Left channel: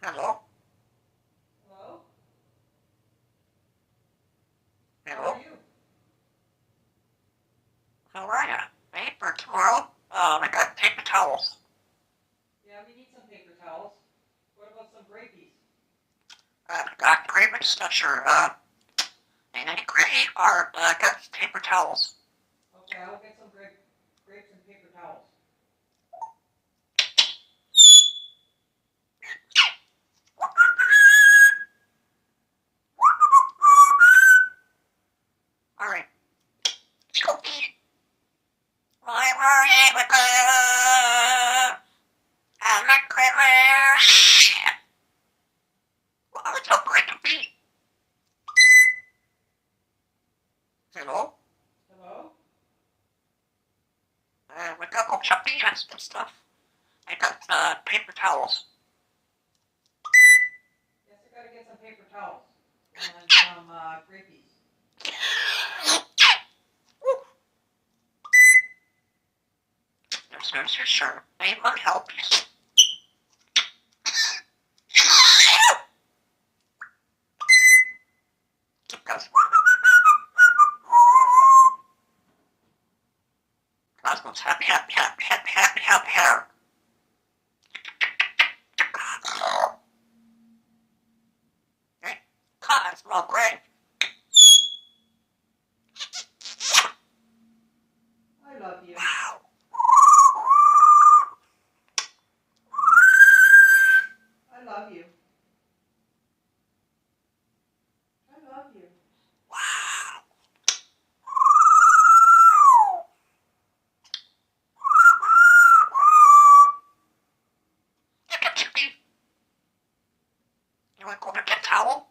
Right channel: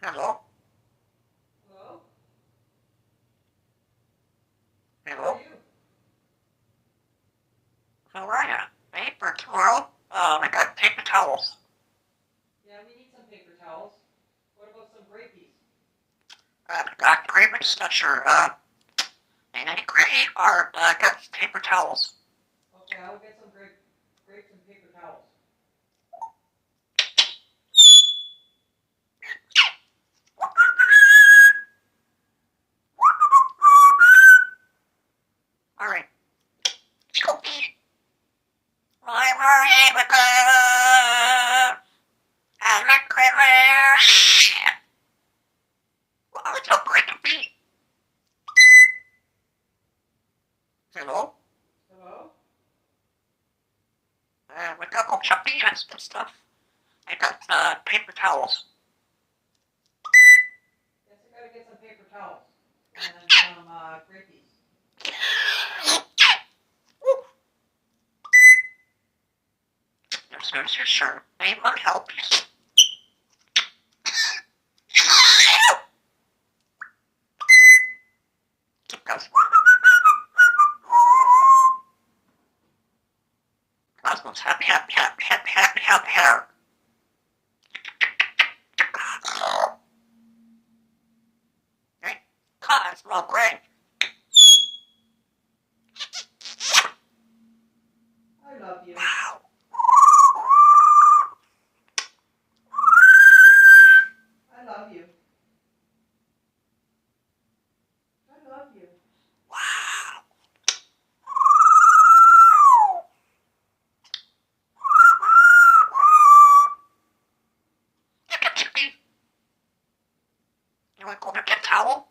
Hello? Hello? How are Hello? you? How are ya? Paper tomorrow? I got paper towels. Yeah, we need some paper towels. What about some grapies? I got grape and Slusher, and I gray or, got paper towels. Okay, I'll get some grapes and paper towels. Alright. Cookie. I worry with the I'm not clever. Oh, it's so great to be. Hello? Hello? We got hooks up and stuff. I got, paper towels. Yes, I gotta get some paper towels. And some, grapies. Yes, sure. I will help you. Because Cosmos happy, happy, happy, happy, happy, happy, happy. Hey, Cosmo, great. I love you. Wow. I love you. I love you. Wow. You want to go get a towel?